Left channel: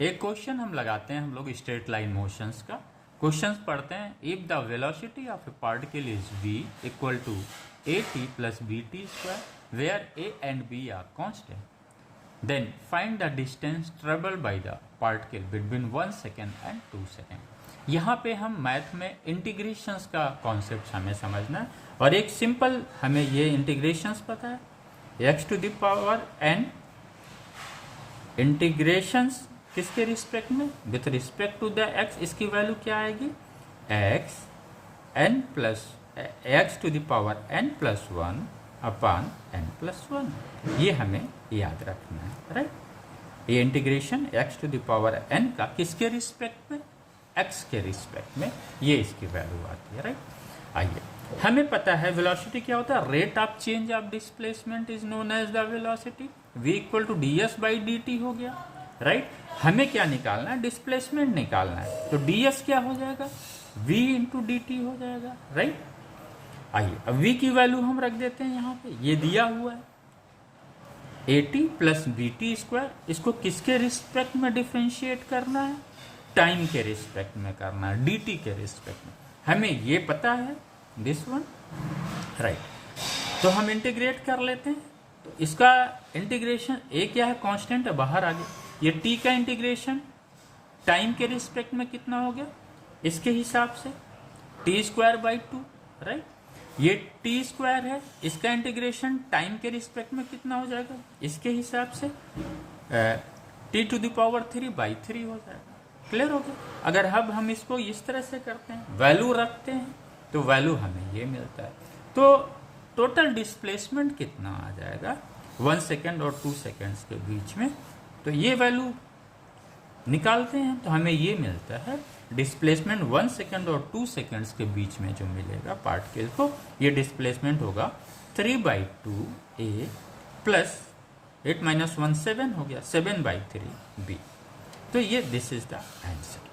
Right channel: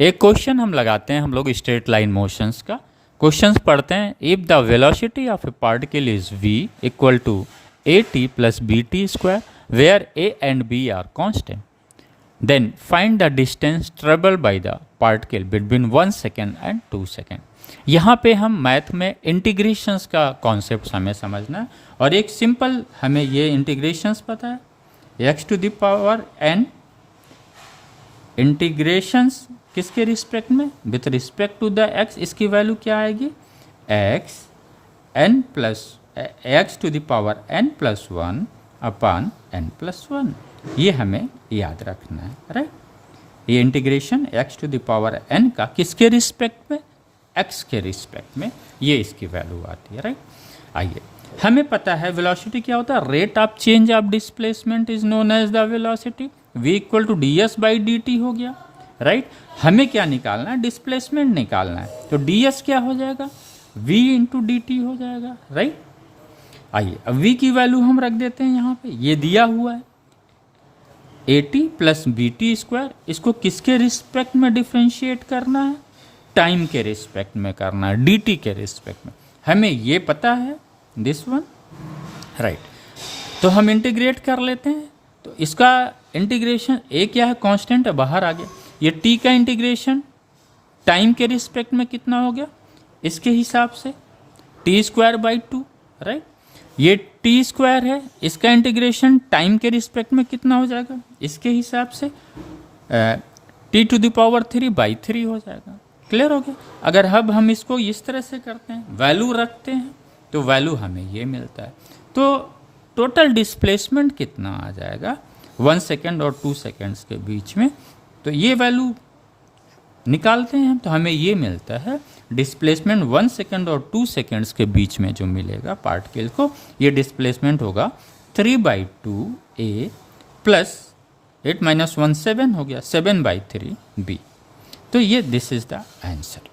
एक क्वेश्चन हम लगाते हैं हम लोग स्ट्रेट लाइन मोशंस का। क्वेश्चंस पढ़ते हैं। If the velocity of a particle is v equal to a t plus b t square where a and b are constant, then find the distance travel by the particle between 1 second and 2 second. यहाँ पे हम math में integrations का concept हमें समझना है, और एक सिंपल हमें ये इंटीग्रेशंस पता है, x to the power n integrations किसके रिस्पेक्ट में, with respect to the x, इसकी वैल्यू क्या आएगी, x n plus x to the power n plus 1 upon n plus 1। ये हमें याद रखना है, राइट। ये integration x to the power n का किसके रिस्पेक्ट में, x के रिस्पेक्ट में, ये इसकी वैल्यू आती है, राइट। आइए, हमें पता है वेलोसिटी क्या होता है, rate of change of displacement is known as the velocity. v equal to d s by d t हो गया, राइट। हमें क्या निकालना है, डिस्प्लेसमेंट निकालना है, तो ds क्या हो जाएगा, v इंटू डी टी हो जाएगा, राइट। आइए, अब v की वैल्यू हम रख देते हैं यहाँ पे, ये दिया हुआ है a t plus b t square. इसको किसके रिस्पेक्ट में डिफ्रेंशिएट करना है, टाइम के रिस्पेक्ट में करना है, डी टी के रिस्पेक्ट में। हमें ये पता है दिस वन, राइट। तो हम इंटीग्रेट कर लेते हैं। तो इसका इंटीग्रेशन ए क्या है, कांस्टेंट है, बाहर आ गया। ये टी का इंटीग्रेशन टाइम के रिस्पेक्ट में कितना हो गया, इसके हिसाब से टी स्क्वायर बाई 2, राइट। ये टी स्क्वायर है, इसका इंटीग्रेशन टाइम के रिस्पेक्ट में कितना हो जाएगा, इसके हिसाब से t to the power 3 by 3 हो जाएगा। क्लियर हो गया। अगर अब हम इसको इस तरह से करते हैं, वैल्यू रखते हैं, तो वैल्यू हमें ये मिलता है। तो टोटल डिस्प्लेसमेंट कितना आ जाएगा 1 सेकेंड और 2 सेकेंड्स के बीच में, तो ये वैल्यू निकालते हैं तो हमें ये मिलता है डिस्प्लेसमेंट 1 सेकेंड और 2 सेकेंड्स के बीच में जो मिलेगा पार्टिकल को, ये डिस्प्लेसमेंट होगा 3/2 a प्लस 8 माइनस 1 7 हो गया, 7/3 b। तो ये दिस इज द आंसर।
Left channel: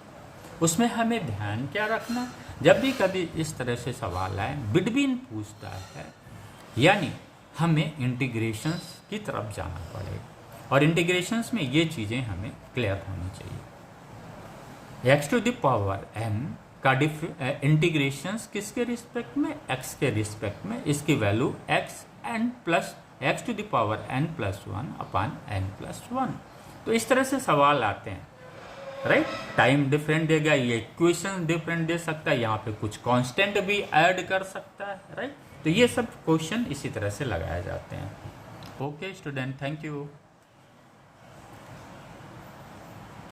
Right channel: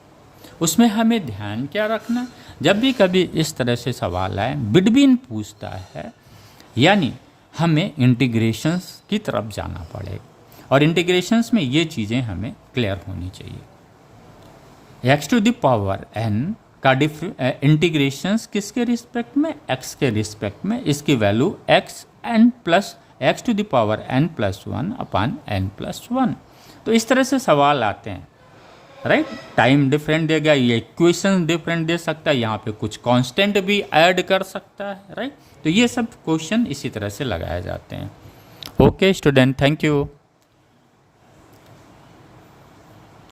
उसमें हमें ध्यान क्या रखना, जब भी कभी इस तरह से सवाल आए, बिटवीन पूछता है, यानी हमें इंटीग्रेशंस की तरफ जाना पड़ेगा, और इंटीग्रेशंस में ये चीज़ें हमें क्लियर होनी चाहिए। x to the power n का इंटीग्रेशंस किसके रिस्पेक्ट में, x के रिस्पेक्ट में, इसकी value x n plus x to the power n plus 1 upon n plus 1। तो इस तरह से सवाल आते हैं, राइट। टाइम डिफरेंट देगा, ये इक्वेशन डिफरेंट दे सकता है, यहाँ पे कुछ कांस्टेंट भी ऐड कर सकता है, राइट। तो ये सब क्वेश्चन इसी तरह से लगाए जाते हैं। Okay student, thank you.